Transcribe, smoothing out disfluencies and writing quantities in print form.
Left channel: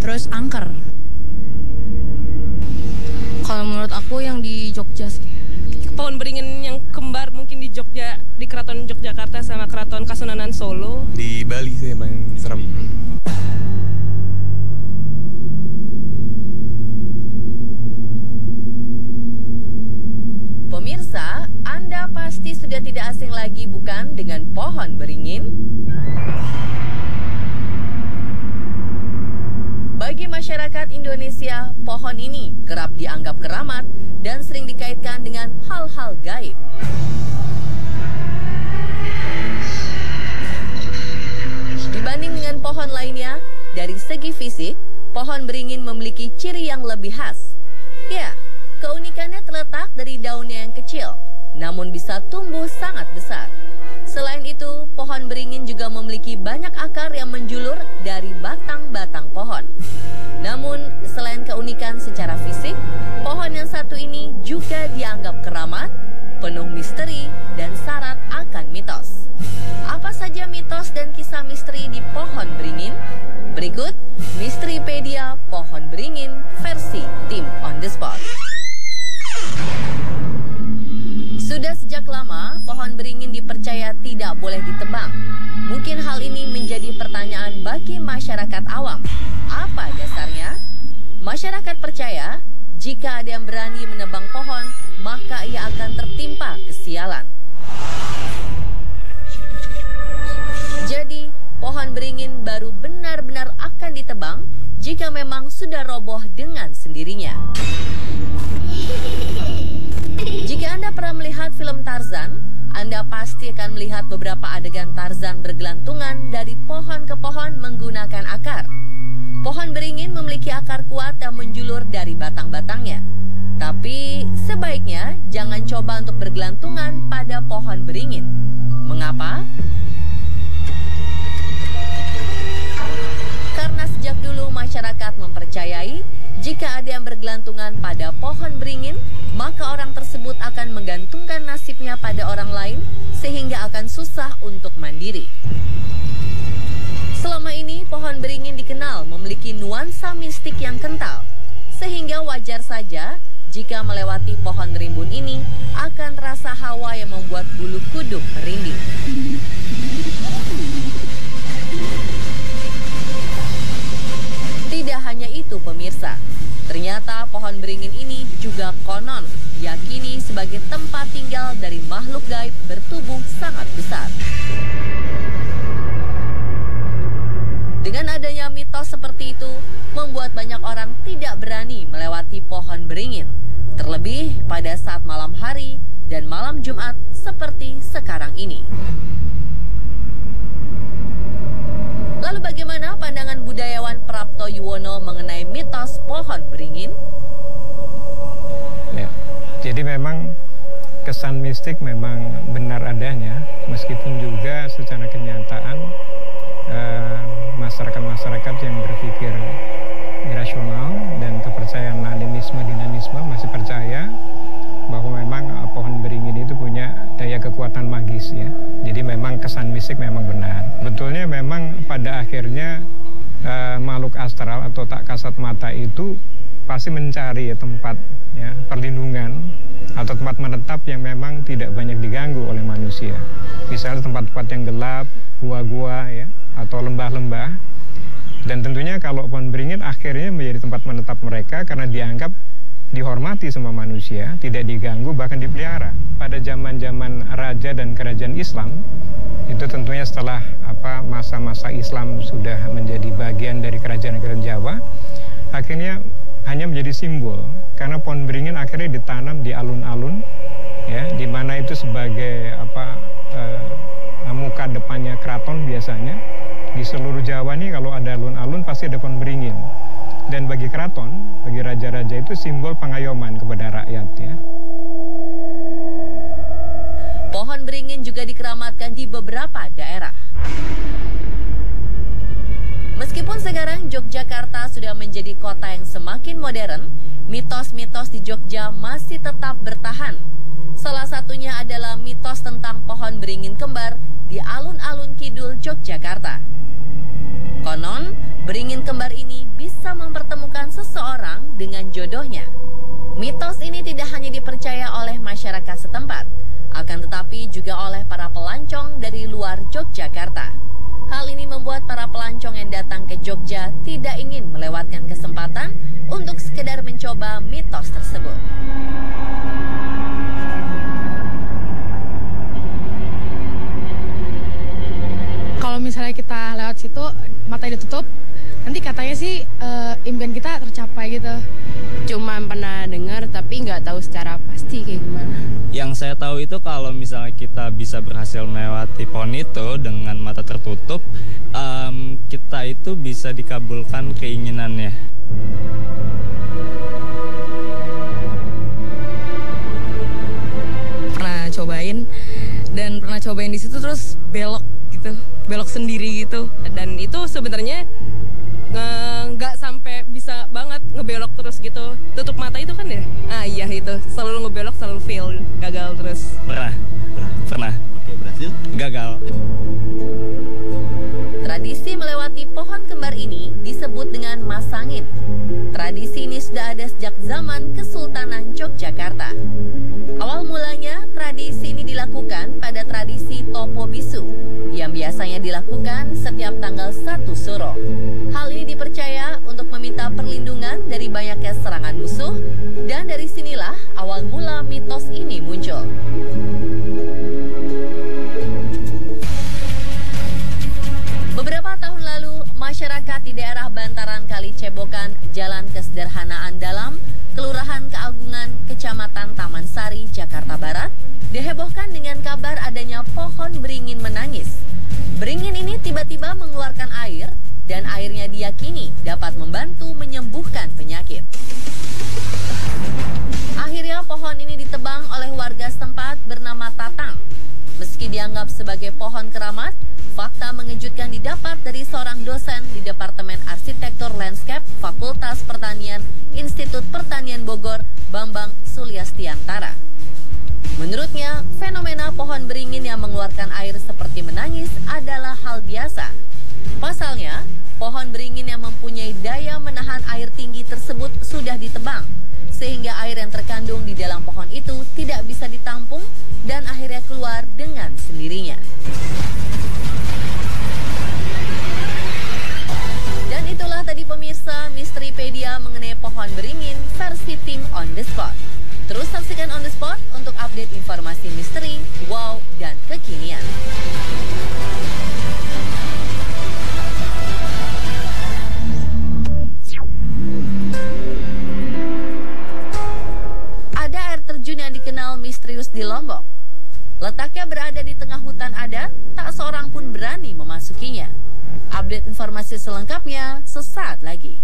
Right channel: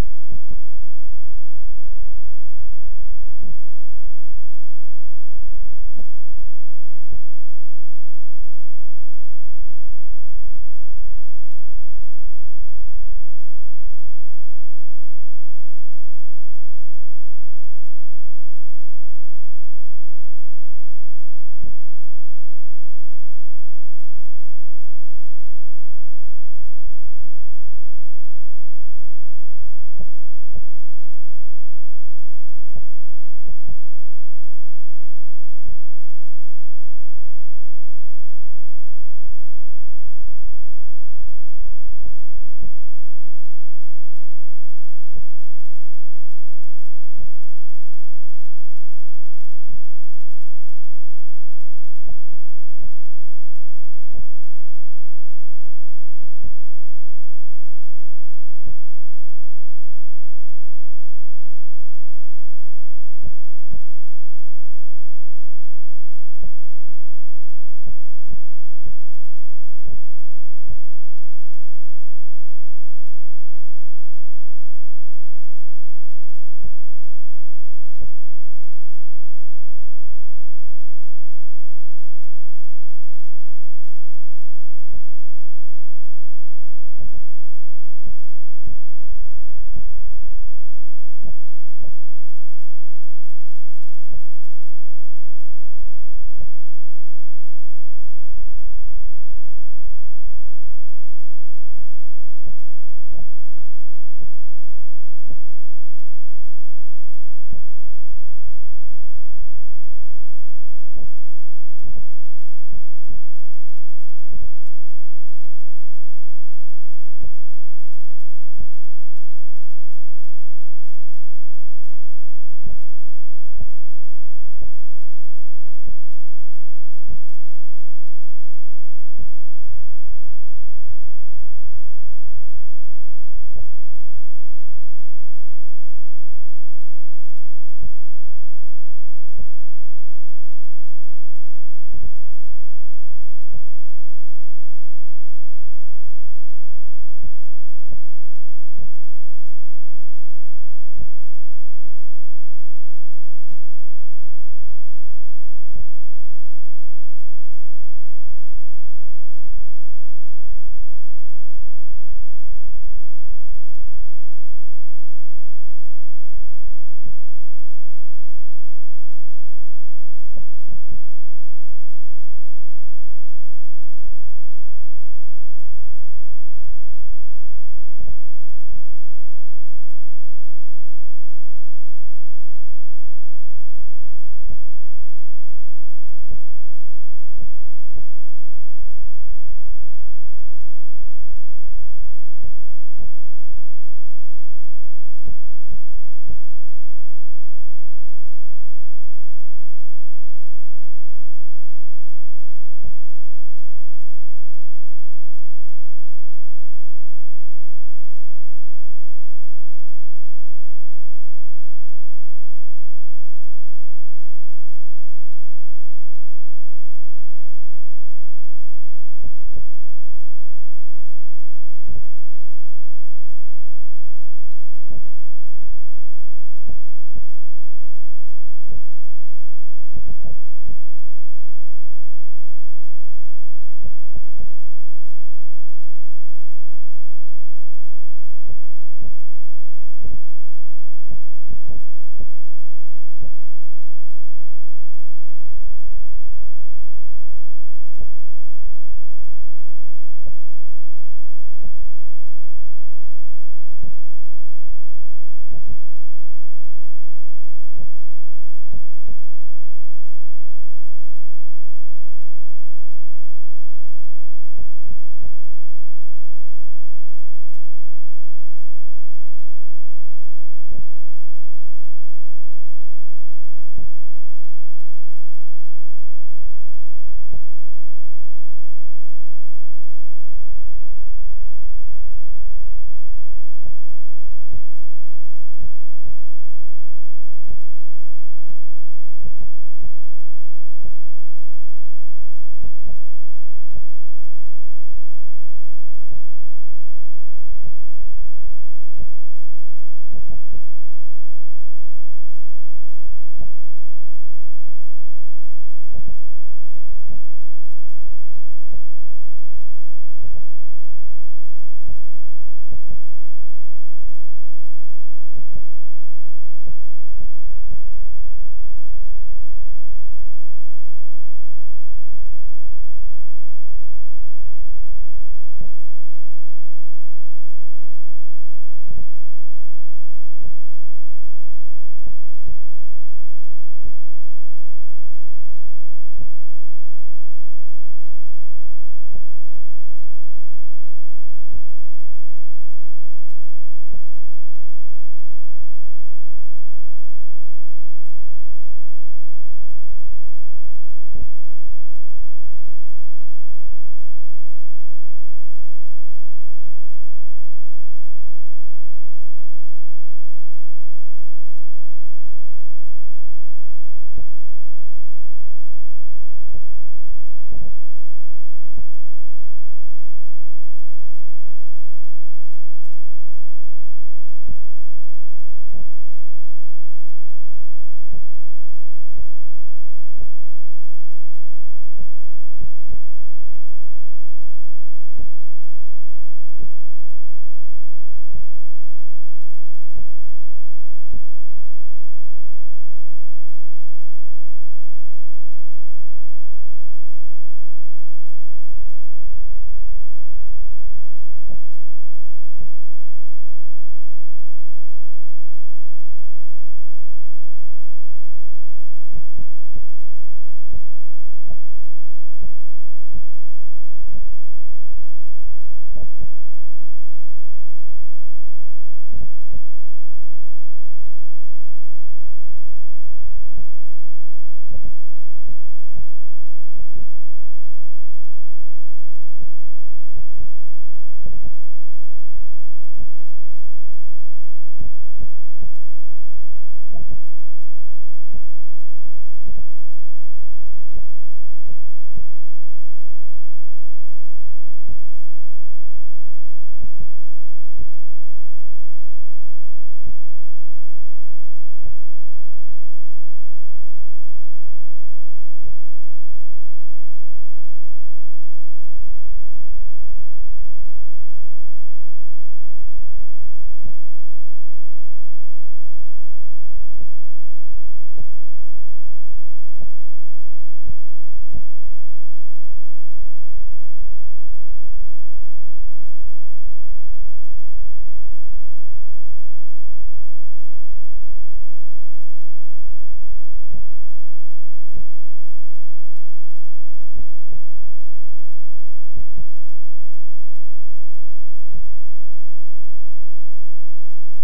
Terus angker. Kalau menurut aku yang di Jogja sih. Pohon beringin yang kembar mungkin di Jogja, di Keraton Yogyakarta sama Keraton Kasunanan Solo. Di Bali sih emang serem. Pemirsa, Anda pasti sudah tidak asing lagi bukan dengan pohon beringin? Bagi masyarakat Indonesia, pohon ini kerap dianggap keramat dan sering dikaitkan dengan hal-hal gaib. Dibanding dengan pohon lainnya, dari segi fisik, pohon beringin memiliki ciri yang lebih khas. Ya, keunikannya terletak dari daunnya yang kecil, namun bisa tumbuh sangat besar. Selain itu, pohon beringin juga memiliki banyak akar yang menjulur dari batang-batang pohon. Namun, selain keunikan secara fisik, pohon yang satu ini juga dianggap keramat, penuh misteri, dan syarat akan mitos. Apa saja mitos dan kisah misteri di pohon beringin? Berikut Misteripedia Pohon Beringin versi tim On The Spot. Sudah sejak lama, pohon beringin dipercaya tidak boleh ditebang. Mungkin hal ini menjadi pertanyaan bagi masyarakat awam. Apa dasarnya? Masyarakat percaya, jika ada yang berani menebang pohon, maka ia akan tertimpa kesialan. Jadi, pohon beringin baru benar-benar akan ditebang jika memang sudah roboh dengan sendirinya. Jika Anda pernah melihat film Tarzan, Anda pasti akan melihat beberapa adegan Tarzan bergelantungan dari pohon ke pohon menggunakan akar. Pohon beringin memiliki akar kuat yang menjulur dari batang-batangnya. Tapi sebaiknya jangan coba untuk bergelantungan pada pohon beringin. Mengapa? Karena sejak dulu masyarakat mempercayai jika ada yang bergelantungan pada pohon beringin, maka orang tersebut akan menggantungkan nasibnya pada orang lain sehingga akan susah untuk mandiri. Selama ini pohon beringin dikenal memiliki nuansa mistik yang kental, sehingga wajar saja jika melewati pohon rimbun ini akan terasa hawa yang membuat bulu kuduk merinding. Tidak hanya itu pemirsa, ternyata pohon beringin ini juga konon diyakini sebagai tempat tinggal dari makhluk gaib bertubuh sangat besar. Dengan adanya mitos seperti itu, membuat banyak orang tidak berani melewati pohon beringin, terlebih pada saat malam hari dan malam Jumat seperti sekarang ini. Lalu bagaimana pandangan budayawan Prapto Yuwono mengenai mitos pohon beringin? Ya, jadi memang kesan mistik memang benar adanya, meskipun juga secara kenyataan masyarakat-masyarakat yang berpikir irasional dan kepercayaan animisme, dinamisme masih percaya bahwa memang pohon beringin itu punya daya kekuatan magis ya. Jadi memang kesan mistik memang benar. Betulnya memang pada akhirnya makhluk astral atau tak kasat mata itu pasti mencari tempat ya, perlindungan atau tempat menetap yang memang tidak banyak diganggu oleh manusia. Misalnya tempat-tempat yang gelap, gua-gua ya, atau lembah-lembah. Dan tentunya kalau pohon beringin akhirnya menjadi tempat menetap mereka karena dianggap dihormati sama manusia, tidak diganggu, bahkan dipelihara. Pada zaman-zaman raja dan kerajaan Islam, itu tentunya setelah masa-masa Islam sudah menjadi bagian dari kerajaan-kerajaan Jawa, akhirnya hanya menjadi simbol karena pohon beringin akhirnya ditanam di alun-alun ya, di mana itu sebagai muka depannya keraton biasanya. Di seluruh Jawa nih kalau ada alun-alun pasti ada pohon beringin. Dan bagi keraton, bagi raja-raja itu simbol pengayoman kepada rakyat ya. Pohon beringin juga dikeramatkan di beberapa daerah. Meskipun sekarang Yogyakarta sudah menjadi kota yang semakin modern, mitos-mitos di Jogja masih tetap bertahan. Salah satunya adalah mitos tentang pohon beringin kembar di alun-alun kidul Yogyakarta. Konon, beringin kembar Mitos ini tidak hanya dipercaya oleh masyarakat setempat, akan tetapi juga oleh para pelancong dari luar Yogyakarta. Hal ini membuat para pelancong yang datang ke Jogja tidak ingin melewatkan kesempatan untuk sekedar mencoba mitos tersebut. Kalau misalnya kita lewat situ, mata ditutup, nanti katanya sih impian kita tercapai gitu. Cuma pernah dengar tapi nggak tahu secara pasti kayak gimana. Yang saya tahu itu kalau misalnya kita bisa berhasil melewati pohon itu dengan mata tertutup, kita itu bisa dikabulkan keinginannya. Pernah cobain dan pernah cobain di situ terus belok gitu, belok sendiri gitu. Dan itu sebenarnya nggak sampai bisa banget ngebelok terus gitu. Tutup mata itu kan ya? Ah iya itu, selalu ngebelok selalu fail, gagal terus. Pernah. Oke, berhasil? Gagal. Tradisi melewati pohon kembar ini disebut dengan masangin. Tradisi ini sudah ada sejak zaman Kesultanan Yogyakarta. Awal mulanya, tradisi ini dilakukan pada tradisi Topo Bisu, yang biasanya dilakukan setiap tanggal 1 Suro. Hal ini dipercaya untuk meminta perlindungan dari banyaknya serangan musuh, dan dari sinilah awal mula mitos ini muncul. Beberapa tahun lalu, masyarakat di daerah bantaran Kali Cebokan, Jalan Kesederhanaan Dalam, Kelurahan Keagungan, Kecamatan Taman Sari, Jakarta Barat, dihebohkan dengan kabar adanya pohon beringin menangis. Beringin ini tiba-tiba mengeluarkan air, dan airnya diyakini dapat membantu menyembuhkan penyakit. Akhirnya pohon ini ditebang oleh warga setempat bernama Tatang. Meski dianggap sebagai pohon keramat, fakta mengejutkan didapat dari seorang dosen di Departemen Arsitektur Landscape Fakultas Pertanian Institut Pertanian Bogor, Bambang Sulyastiantara. Menurutnya, fenomena pohon beringin yang mengeluarkan air seperti menangis adalah hal biasa. Pasalnya, pohon beringin yang mempunyai daya menahan air tinggi tersebut sudah ditebang, sehingga air yang terkandung di dalam pohon itu tidak bisa ditampung dan akhirnya keluar dengan sendirinya. Dan itulah tadi pemirsa Misteripedia mengenai pohon beringin versi tim On The Spot. Terus saksikan On The Spot untuk update informasi misteri, wow, dan kekinian. Ada air terjun yang dikenal misterius di Lombok. Letaknya berada di tengah hutan adat, tak seorang pun berani memasukinya. Update informasi selengkapnya sesaat lagi.